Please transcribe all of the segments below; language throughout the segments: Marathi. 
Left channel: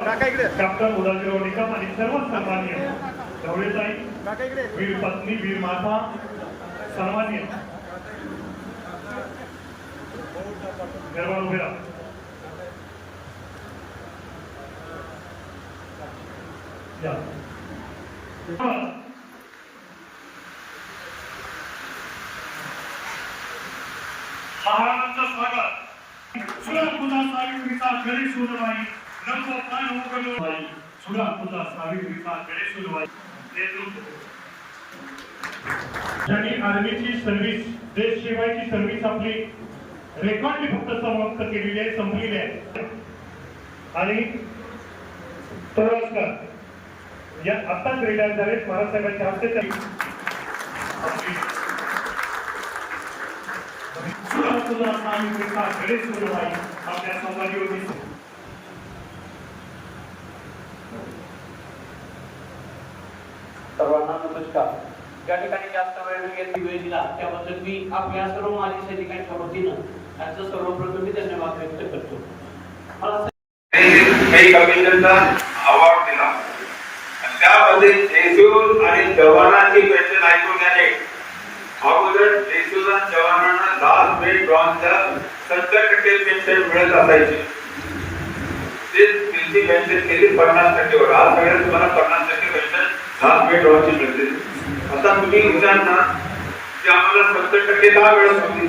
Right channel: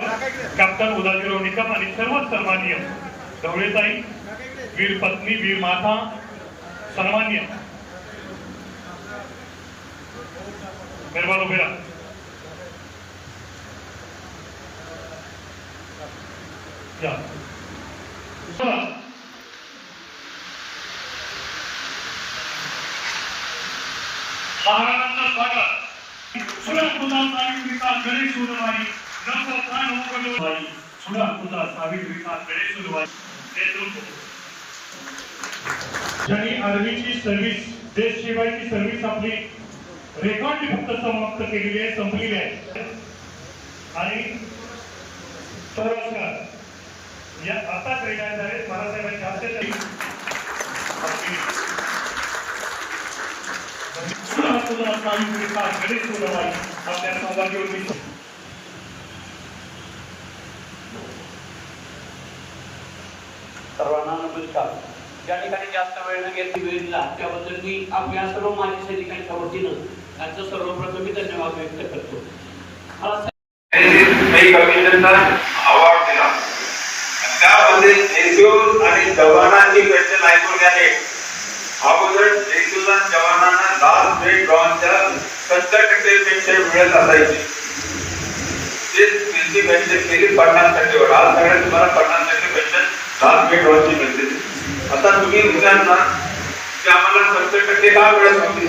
कॅप्टन उदाजीराव निकम आणि सर्व सन्माननीय. ढवळेताई वीर पत्नी वीर माता सन्मान्य मेहरबान उभे राहा. महाराजांचं स्वागत. सुरत गणेश ज्यांनी आर्मीची सर्व्हिस देशशिवाय ती सर्व्हिस आपली रेकॉर्डली फक्त समाप्त केलेली आहे संपलेली आहे आणि या आताच रिलायन्स झाले महाराजसाहेबांच्या हस्ते तरी आपल्या सहभागी होती त्या ठिकाणी जास्त वेळ न वेळ दिला त्याबद्दल मी आपल्या सर्व त्यांचं सर्वप्रथम मी धन्यवाद व्यक्त करतो. मला अवॉर्ड दिला. त्यामध्ये आणि जवानांची पेन्शन ऐकून अगोदर जेसूर जवानांना लास्ट ड्रॉनच्या सत्तर टक्के पेन्शन मिळत असायची. ते त्यांची पेन्शन केली पन्नास टक्केवर आज तुम्हाला पन्नास ग्रेड ड्रॉनची मिळते आता तुम्ही विचार ना की आम्हाला सत्तर टक्के का मिळत होती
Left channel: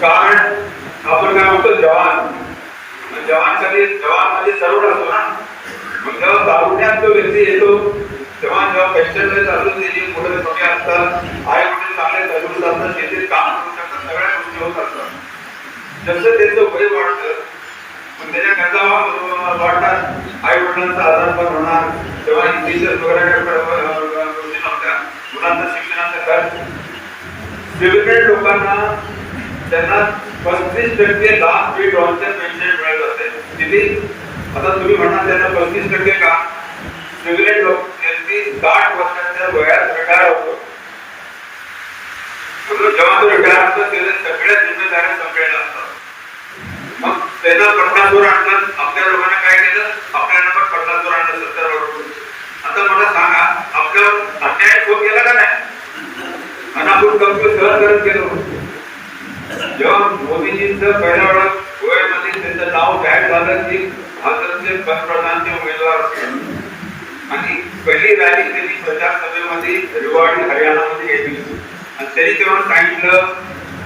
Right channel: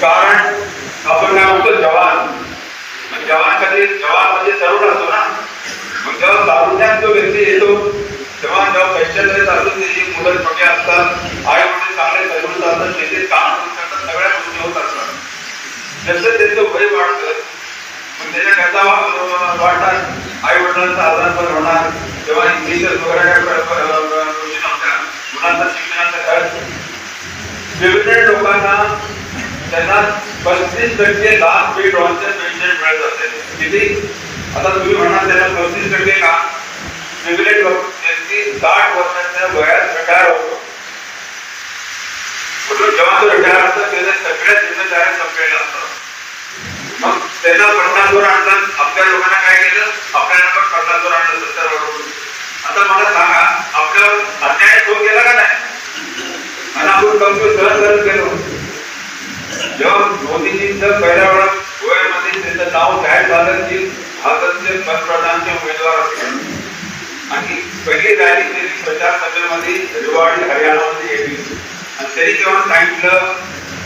कारण आपण काय म्हणतो, जवान. जवान कधी, जवान म्हणजे तरुण असतो ना. मग जेव्हा तारुण्यात जो व्यक्ती येतो, तेव्हा जेव्हा पेन्शन मध्ये चालून त्याची मुलं छोटे असतात आई वडील चांगले तरुण असतात शेतीत काम सगळ्या गोष्टी होत असतात. जसं त्याचं वय वाढतं त्याच्या आई वडिलांचा आधारपण होणार. तेव्हा शिक्षणाचा खर्च. लोकांना त्यांना पस्तीस टक्के लाभ फी डॉलरच्या पेन्शन मिळत असते. किती? आता तुम्ही म्हणा त्यांना पस्तीस टक्के का? डेव्हिडेड लोक त्यांची साठ वर्षाच्या वयात रिटायर होतो. जेव्हा तो रिटायर असतो त्याच्या सगळ्या जिम्मेदाऱ्या संपलेल्या असतात त्याचा त्यांना पन्नास वर आपल्या लोकांना काय केलं? आपल्या पण पन्नास वर आणलं सत्तर आता मला सांगा आपल्या अन्याय तो केला का नाही? आणि आपण कौतुक सहन करत गेलो जेव्हा मोदीजींचं पहिल्या वेळा गोव्यामध्ये त्यांचं नाव जाहीर झालं की भारताचे पंतप्रधानचे उमेदवार असतील आणि पहिली रॅली त्यांनी प्रचार सभेमध्ये रिवाडी हरियाणामध्ये घेतली त्यांनी तेव्हा सांगितलं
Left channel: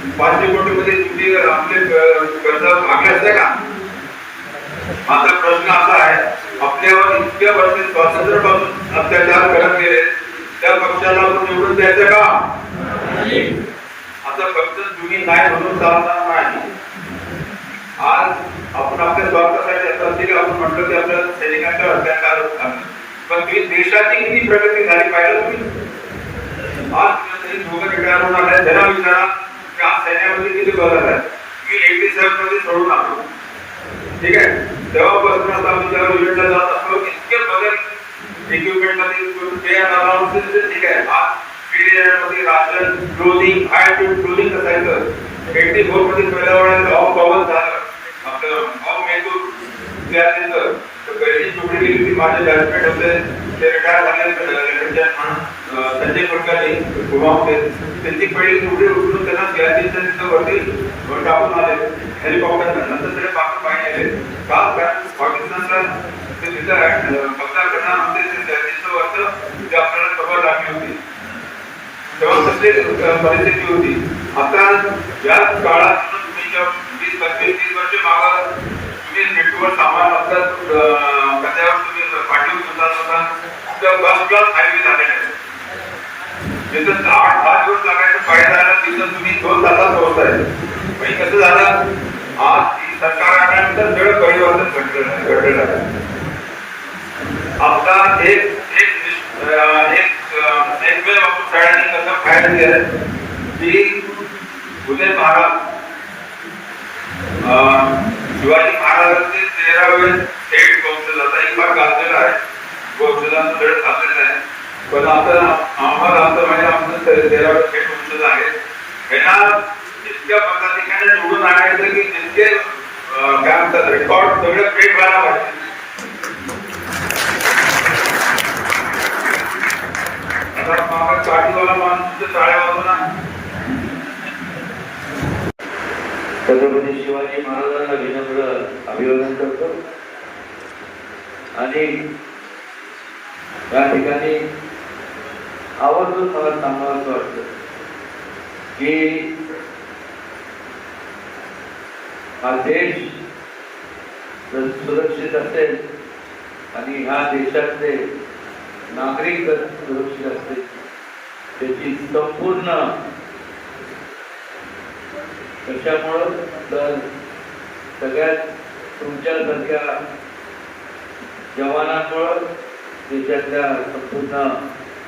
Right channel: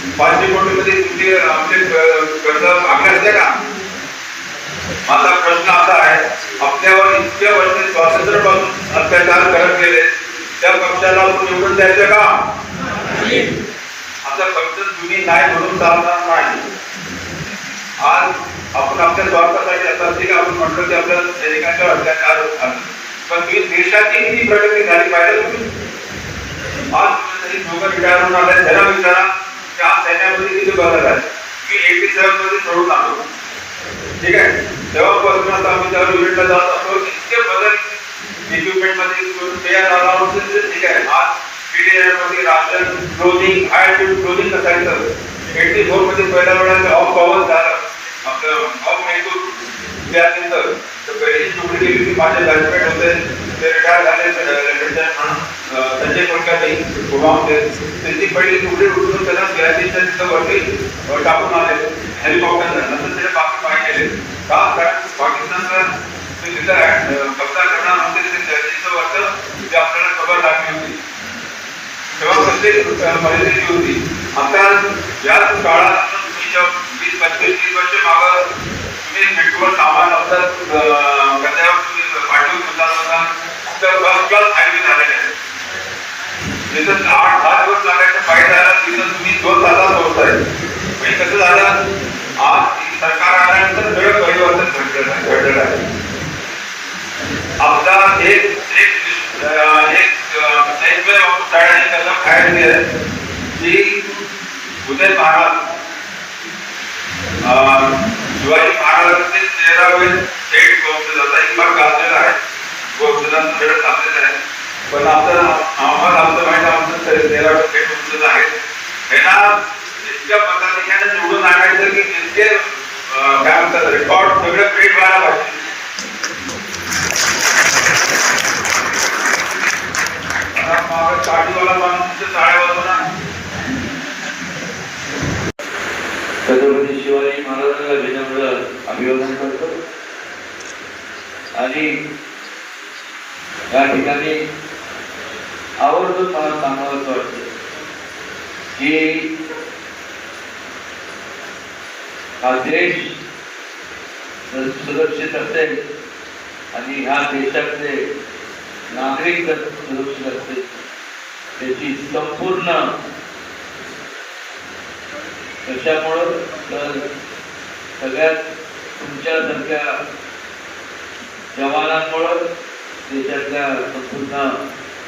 आला पाचशे कोटी मध्ये तुम्ही आमचे क- कर्ज मागे असते का? माझा प्रश्न असा आहे आपल्यावर इतक्या वर्षी स्वातंत्र्यापासून अत्याचार करत गेले त्या पक्षाला निवडून द्यायचं का? आता फक्त जुनी नाही म्हणून चालणार नाही. आज आपण आपल्या स्वार्थासाठी येतात ते आपण म्हटलं की आपल्या सैनिकांच्या अत्याचार होतात पण तुम्ही देशाची किती प्रगती झाली पाहिजे. आज तुम्ही दोघं विचारून मला जरा विचारा. की आज सैन्यामध्ये किती बदल आहे मी एटी सेव्हन मध्ये सोडून आलो ठीक आहे तेव्हापासून आता आम्ही त्या युनिटला जात बदल इक्विपमेंट मध्ये तयार झाला होतो ते ठीक आहे आज मध्ये राशन क्लोथिंग हाय क्लोथिंग असायचं एटी फोर मध्ये पहिल्या वेळेला गाव गावात झालं आपलं गाव येतो त्या तर पहिली नोकरी केली होती माझे बॅचमेट होते ते संजय प्रकारे गोवामध्ये त्यांची पहिली नोकरी उठून त्यांना सियाचीनच्या तिथं वरती वर टाकून आले हेलिकॉप्टर नंतर ते टाकून केले का कारण पाकिस्तानचा ते तिथं कब्जा करणार होते ते सियाचीनचं वरचं ते आपल्याला खबर टाकली होती तेव्हा प्रत्येक परिस्थिती होती आता या काळात वीस पंचवीस तीस वर्ष मागा तुम्ही नेटवर्क सामान असतात कचऱ्यावर तुम्ही पाठवून त्या प्लस प्लस हायवे झालेले आठ दहा तिथं तुम्ही दोन तासात पोहोचताय. आणि कसं झालं? आज सरकार आल्यानंतर वेळ एक एक एक वेळ शाळांनी त्याला काय महाराज शिवाजी महाराजांचे तेरा वेळ थेट पोहोचले आहे. पोहोचला आहे. पण आता आम्हाला आमचं माहिती आमचं ते- तेरावे थेट आहे. त्यांना इतक्या प्रकारे पद्धतीने निवडून आणायचं की त्यांचे काय म्हणतात रेकॉर्ड सगळे पेट करायला पाहिजे. छत्रपती शिवाजी महाराजांना विनम्र अभिवादन करतो. आणि या ठिकाणी आवर्जून मला सांगायचं वाटतं की हा देश जर सुरक्षित असेल आणि ह्या देशातले नागरिक जर सुरक्षित असतील त्याची संपूर्ण कशामुळं तर सगळ्यात तुमच्यासारख्या जवानांमुळं देशातल्या संपूर्ण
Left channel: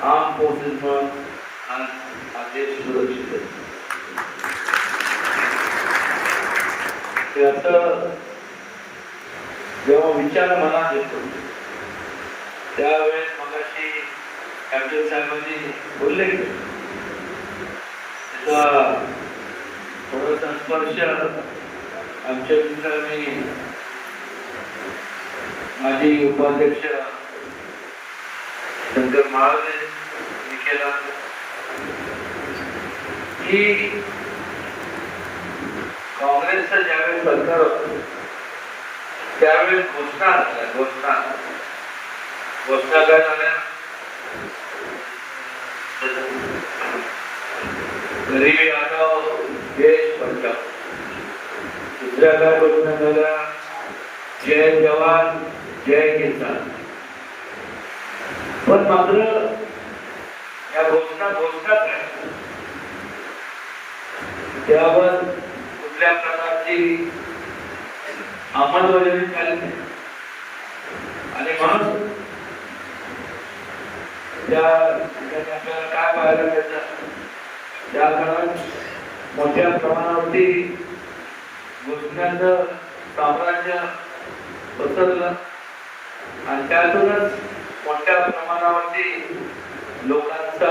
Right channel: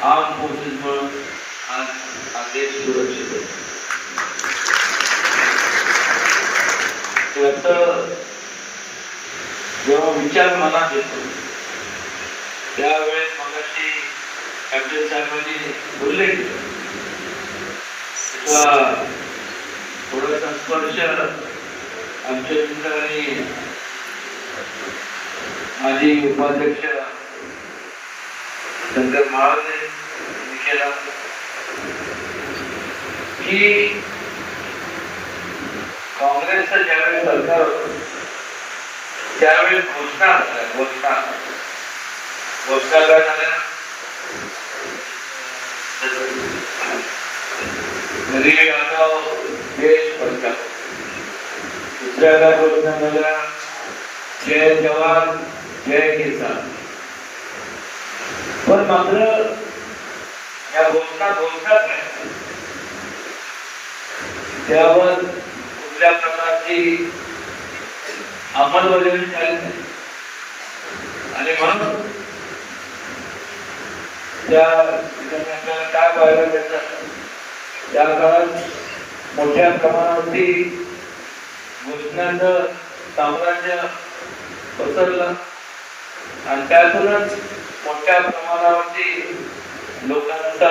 आर्म फोर्सेसमुळं आज हा देश सुरक्षित आहे. त्याचं जेव्हा विचार मनात येतो त्यावेळेस मगाशी कॅप्टन साहेबांनी बोलले त्याचा थोडासा स्पर्श आमच्या मित्रांनी माजी उपाध्यक्ष शंकर महाराज केला की काँग्रेसचं सरकार होतं, घोषणा घोषणा? घोषणा काय झाल्या प्रकारची अंमलबजावणी झाली नाही. आणि म्हणून त्या काय पाहायला मिळतं त्या काळात मोठ्या प्रमाणावरती घोषणांचं साम्राज्य पसरलं आणि त्यातूनच मोठ्या प्रमाणावरती लोकांचा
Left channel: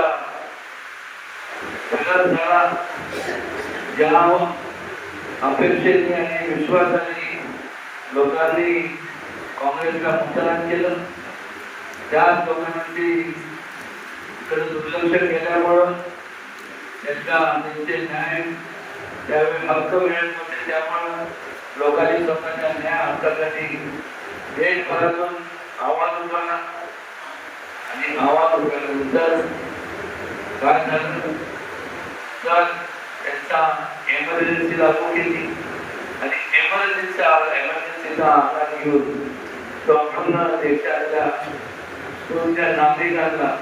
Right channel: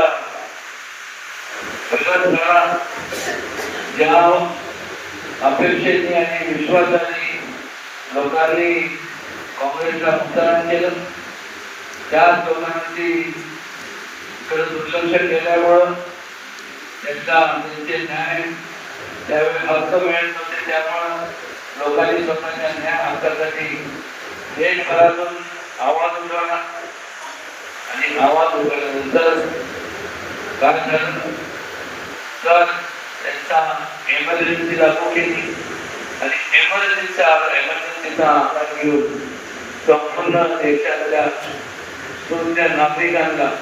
विरोध अपेक्षेने आणि विश्वासाने लोकांनी काँग्रेसला मतदान केलं. त्याच लोकांनी इकडे दुर्लक्ष केल्यामुळं त्यांचा त्यांचे न्याय त्यावेळी हक्क मिळत नव्हते. त्यामुळं लोकांनी स्वतःच्या न्याय हक्कासाठी देशभरातून आवाज उठवला. आणि आवाज उठवल्यानंतर काय झालं तर त्यांचा इमर्जन्सी लागू केली. आणि एमर्जन्सीचा इमर्जन्सीचा आकार घेऊन संपूर्ण देशातल्या तुमच्या नागरिकांना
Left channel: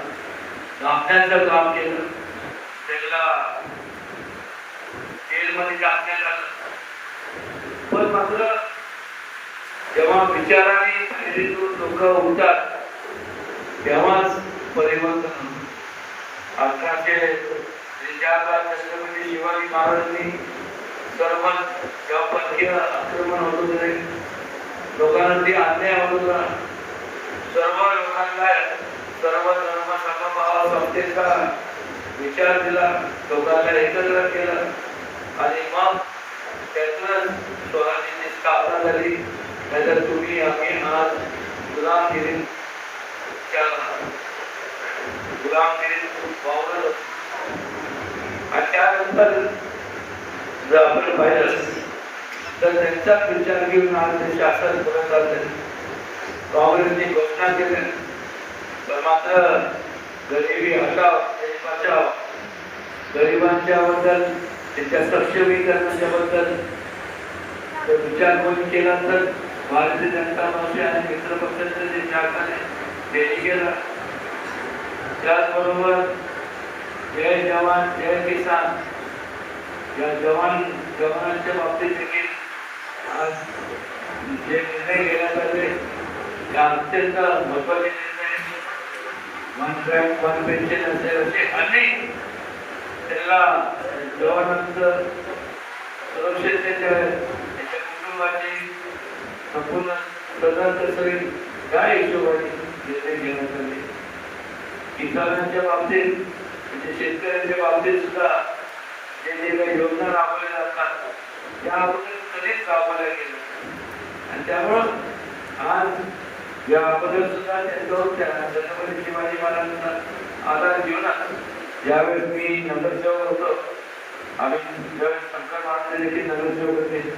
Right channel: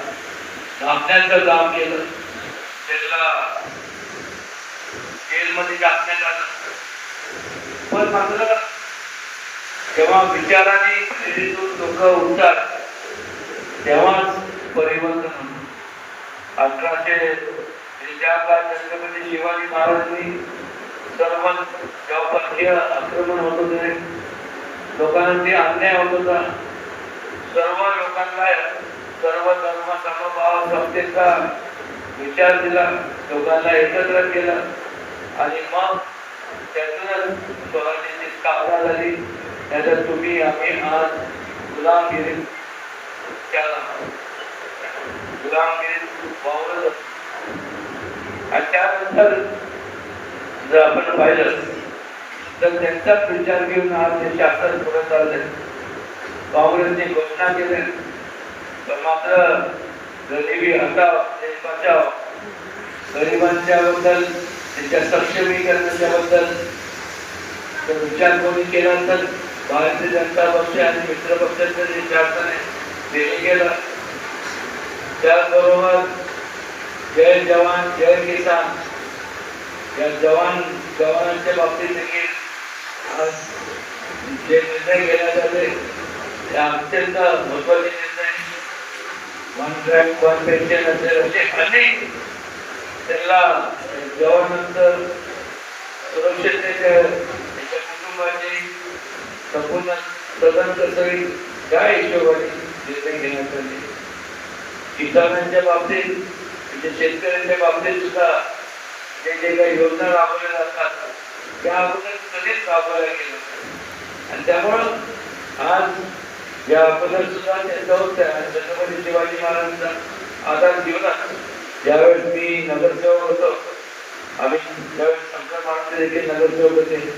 नाचण्याचं काम केलं. त्यांना जेलमध्ये टाकण्यात आलं. पण मात्र तेव्हा विचाराने प्रेरित लोक उठतात तेव्हाच परिवर्तन होतं. अठराशे त्रेचाळला छत्रपती शिवाजी महाराजांनी सर्व जेव्हा आक्रमण होत होते लोकांना ते अन्याय होत होता सर्व लोकांना सर्व धर्म सर्व भाव समतेचा विचार दिला. लोकांना एकत्र केलं. आणि मग त्यातूनच स्वराज्याची स्थापना झाली नाहीतर तुम्ही आम्ही आज गुलामगिरी त्या गुलामगिरीत वावरत आणि त्यानंतर जर आपण पाहिलं तर त्यांचाच विचार घेऊन आज ते शासन पुढे चाललंय काँग्रेसने घोषणा केली. तर मात्र गरिबी हटाव देश बचाव. गरिबांच्या बद्दल त्यांच्या सक्षमीकरणाच्या बद्दल तो विचार कोणी केल्यानंतर भारतीय जनता पक्ष आणि मित्र पक्षाचे जे शासनाने देश गेलं त्याचबरोबर जय जवान जय किसान. या जवान जवानांच्या बाबतीत देखील आज जे निर्णय घेण्यात आले ते अत्यंत महत्त्वाचे निर्णय वन रँक वन पेन्शन असेल असे अनेक त्याला जवानंतर सुरक्षिततेच्या त्याच्या कुटुंबाची संपूर्ण प्रधान सगळी त्या हिशोबाने निर्णय घेण्यात आले किसानांच्या बाबतीत म्हणजे शेतकऱ्यांच्या बाबतीत सुद्धा जे जे काही योजना राबवल्या जातात त्या आपण कधीच राबवल्या गेल्या आणि त्यामुळं आज या अगोदर सुद्धा त्यांच्या होत्या छत्रपती शिवाजी महाराजांचा आधार घेऊनच ज्यावेळेस मी नगरसेवक होतो. आम्ही ज्यावेळेस शंकर महाराज देखील नगरसेवक होते.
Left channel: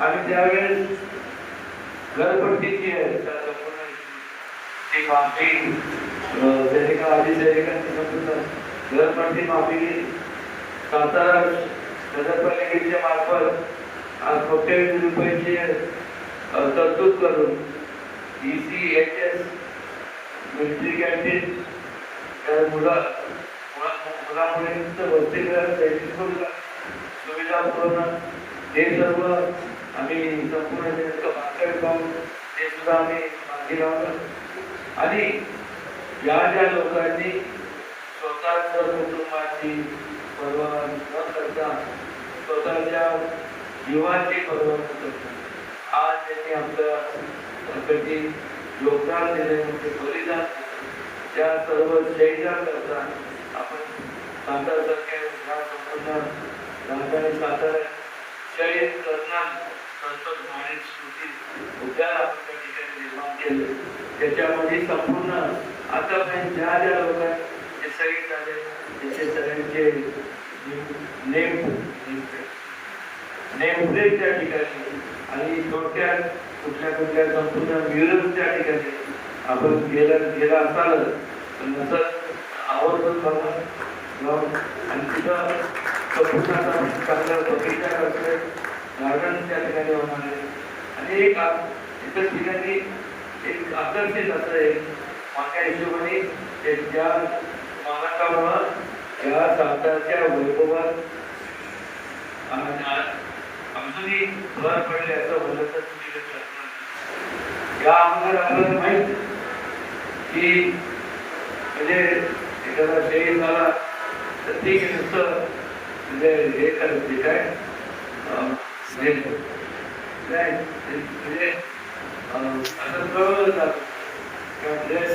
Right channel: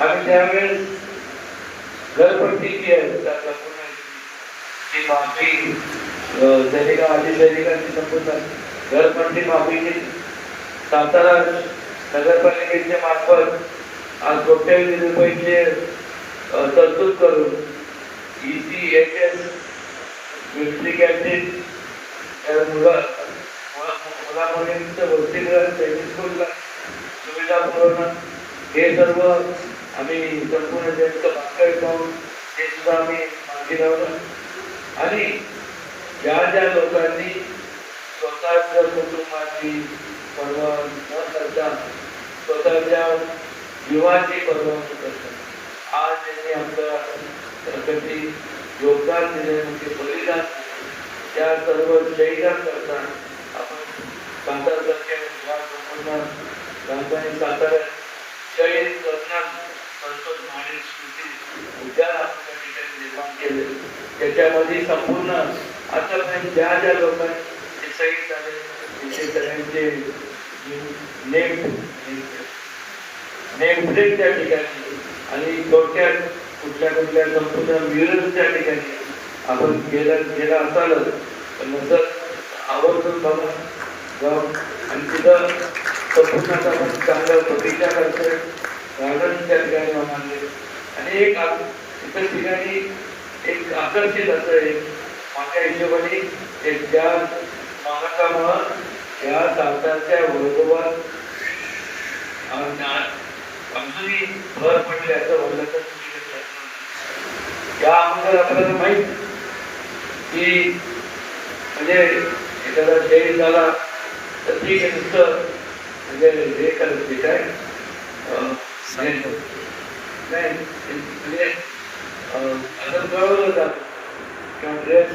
आम्ही त्यावेळेस घरपट्टी जी आहे. ती माफी सैनिका आधी सैनिकांची संपूर्ण घरपट्टी माफी सातारा नगरपालिकेच्या मार्फत कोट्यवधी रुपयांचे तरतूद करून. E C H S military canteen या मुलामुलींचं सुविधा पुरवणं. हे सर्व आम्ही संपूर्ण त्यांचं भाकर करून ते सुद्धा आम्ही मागे लावलं. आणि ज्या ज्या लोकांनी स्वतःच्या कुटुंबाची पर्वा न करता स्वतःच्या जीवाची पर्वा न करता आज त्यांनी आपल्या प्रगती योगदान दिल्यानंतर बलिदान त्या सर्व शहीदान करता आपण सातारसारख्या या संपूर्ण राजधानी सातारा शहीद कल्याण संसद आणि स्मृती उद्यान आपण त्या ठिकाणी निर्माण केलं त्याच्यामध्ये संपूर्ण आतापर्यंत ज्या ज्या लोकांचे शहीद झाले त्याचे सगळ्यांचे नेम नेमप्लेट त्या ठिकाणी आणि थोडक्यात कुठल्या कुठल्या संपूर्ण विरोध त्या ठिकाणी आपण गेलं गेला असालच. पण नंतर आवर्जून बघून जाऊन आणि तिथं संपूर्ण चांगल्या प्रतीक्षा करतोय. गार्डन त्या ठिकाणी होणार आणि एक एकच ठिकाणी एक आकर्षित असं एक माझ्या हिशोबाने ते ज्या मानकामुळं या सातारच्या वैभवात अजूनही भर पडले असं तर अगोदर आपल्याला माहीत की म्हणजे एखादा शहीद झाला तर ठीक आहे नुसतं म्हणजे हे करत ते काय? अं, हे- नाही म्हणजे आता कळवलं जातं किंवा ड्रेस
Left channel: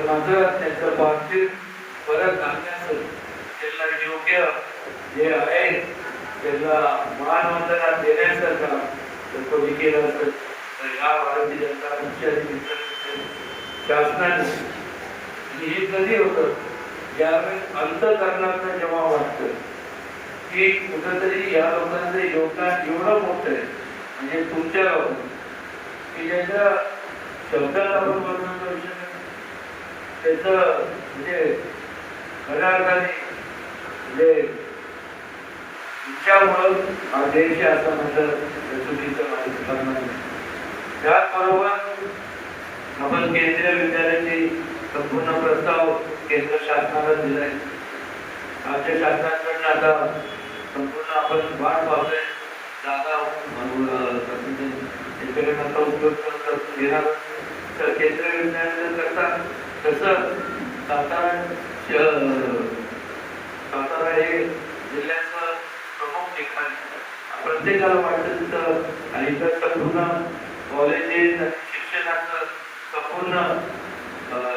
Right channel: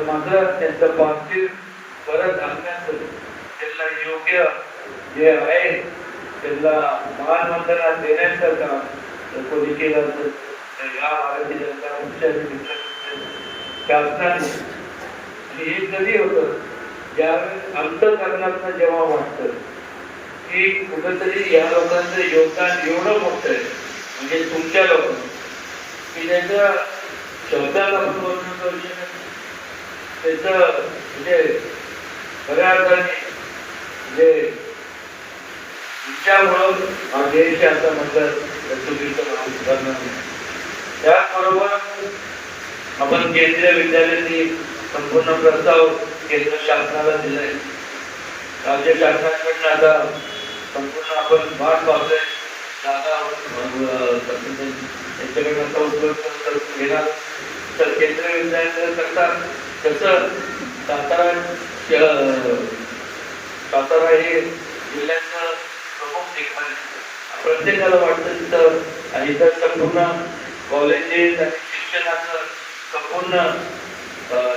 माझं त्यांचं पार्थिव परत आणण्याचं त्यांना योग्य जे आहे. त्यांना मान वंदना देण्यासारखा कोणी केलं तर या भारतीय जनता पक्षाने शासनाने. आणि हे कधी होतं? ज्यावेळेस अंतकरणातनं जेव्हा वाटतं की कुठंतरी या लोकांचं योगदान एवढं मोठं आहे. म्हणजे तुमच्या लोकांचं की ज्याचं शब्दात वर्णन करू शकत त्याचं म्हणजे खऱ्या अर्थाने म्हणजे तुमच्यामुळं हा देश आहे म्हणतात चुकीचं करणार त्याचबरोबर आपण केंद्रीय विद्यालयाची संपूर्ण प्रस्ताव केंद्र शासनाला दिलाय राज्य शासनाकडून आता संपूर्ण आपण भाग पावतोय जागा अं, आता उपयोग घेणार तर केंद्रीय विद्यालय करतात तसं सातारा श- सातारा हे जिल्ह्याचं प्रत्येकाला वाटत तिथं. आणि इथं संपूर्ण कॉलेजेस आणि शिक्षणाचं संपूर्ण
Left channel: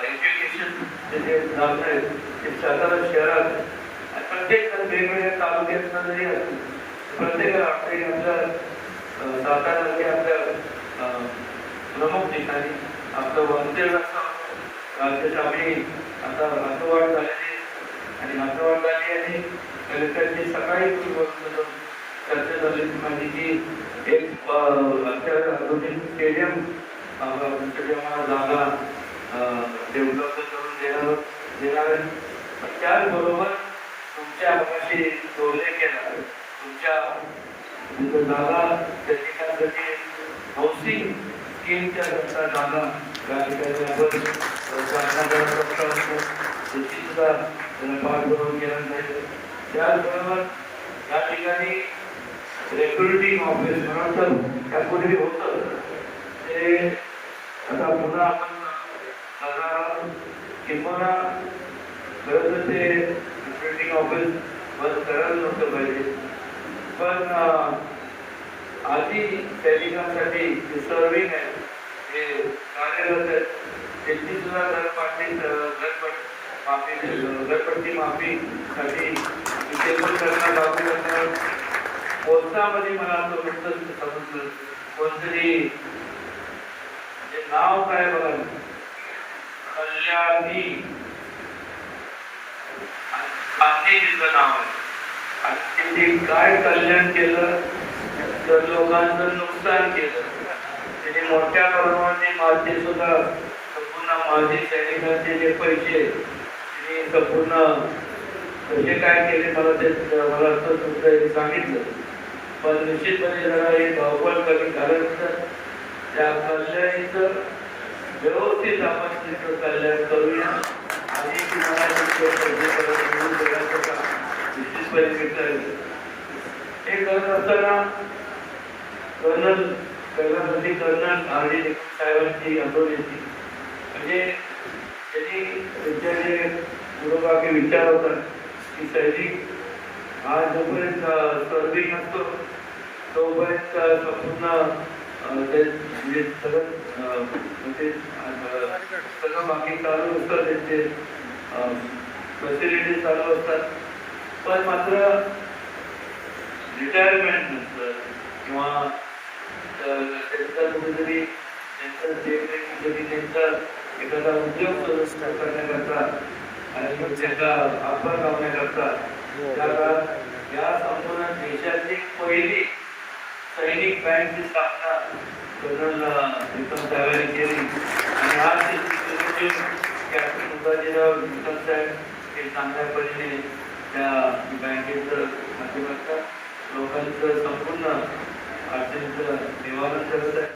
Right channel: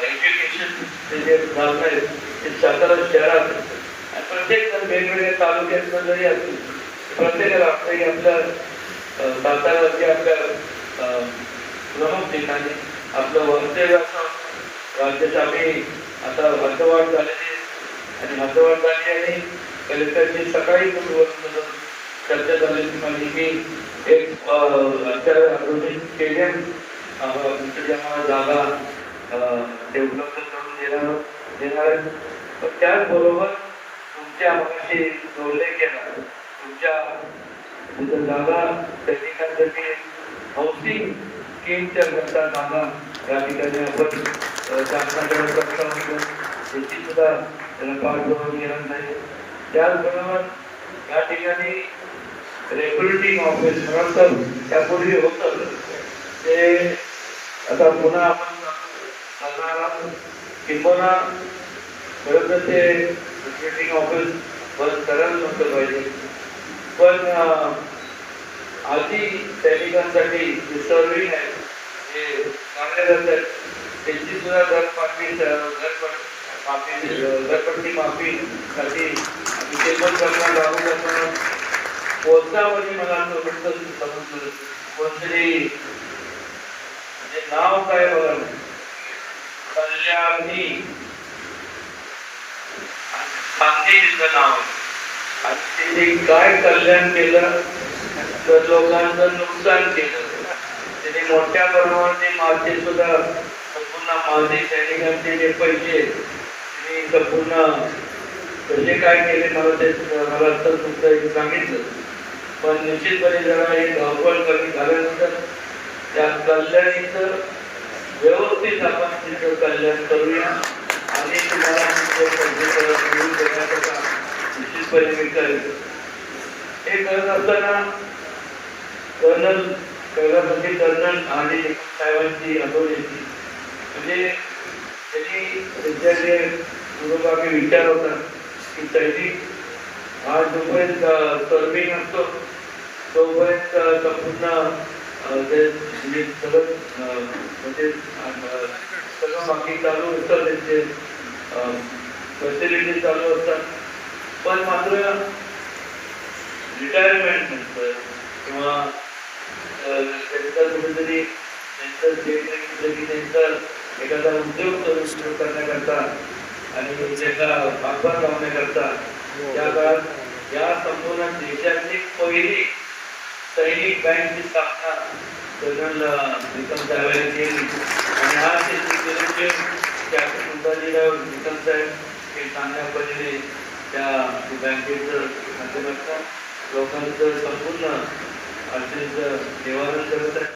एज्युकेशन जे आहे. ते सगळं शहरात. प्रत्येक जण वेगवेगळ्या तालुक्यातलं जरी असेल प्रत्येकाला वाटतं की आपल्या अं, आपल्या प्रमुख ठिकाणी आपलं वंशज असं राज्यात आम्ही आता हद्दवाढ झालेली आणि हद्दवाढ झाली आणि कलेक्टरची सकाळी चर्चा झाली माहिती की एक स्टेडियम जागा ते करून देणार आहे. तर त्याचबरोबर तुमच्या मगाशी जोडले गेला तुमच्या तिथं जागा सैनिकांसाठी हाऊसिंग स्कीमच्या करता जागा या ठिकाणी आपण शासनाकडे प्रस्ताव करू. त्याची सुद्धा अ, केला जाईल त्याचबरोबर या ठिकाणी रेग्युलेटिंग ऑफिस म्हणून त्यापूर्वी होतं. ते आता पुन्हा आपण करणार आहोत. किंबहुना खरं तर ते रेग्युलेटिंग ऑफिस बंद करायला नव्हतं पाहिजे. पण आधी सैनिकांसाठी जे सर्विंग आहे. जे कार्यरत आहेत त्यांची सुद्धा घरपाटी माफी दरपट्टी माफीसाठी इथे पण त्यांना यावी असं कोर्टामध्ये मला असं वाटतं समजलं कोणतरी जे नाव काय बघा कल्याणी. तिचं नाव. आहे आणि त्यांनी काय कल्याण केलं? तर लोकांचं नुकसान केलं. त्याने मोठ्या प्रमाणात माझे सुद्धा संपूर्ण माझे सैनिकांचे जे पैसे त्यांनी संपूर्ण कसे काय केले मला ते मला असं सांगितलं. पण निश्चितपणे जरा हे धावपळ कमी झाल्यानंतर त्या कल्याणीचं व्यवस्थित आपण तिथं कल्याण करूया. आणि तुम्हाला मिळून देण्याचं काम निश्चितपणे मी करेन हे करत असताना कर्नल कैलासवासी कर्नल आणि साहेबांची आठवण येते. म्हणजे त्यांनी त्यांच्याकडे पूर्वगामी विचार होता की सैनिक हा जोपर्यंत सर्विंग असतो तोपर्यंत संपूर्ण म्हणजे सगळं म्हणजे सगळं बाकी चालू असतं त्यांचे फॅसिलिटी चालू असतात. पण मात्र रिटायरमेंट नंतर किंवा त्यांचा कुठेतरी त्यांचा जे काही कधी त्यांचा एखादा उद्योग सुरू करण्याकरता आणि त्याचा वापर लावण्याकरता त्या काळात या संपूर्ण देशाची पहिली सैनिक बँकची स्थापना साहेबांनी केली आणि की आपण साहेब हे चांगल्या पद्धतीने त्या बँकेचं माध्यमातून लोकांचं संपूर्ण अडचणीचं निवारण करत आहे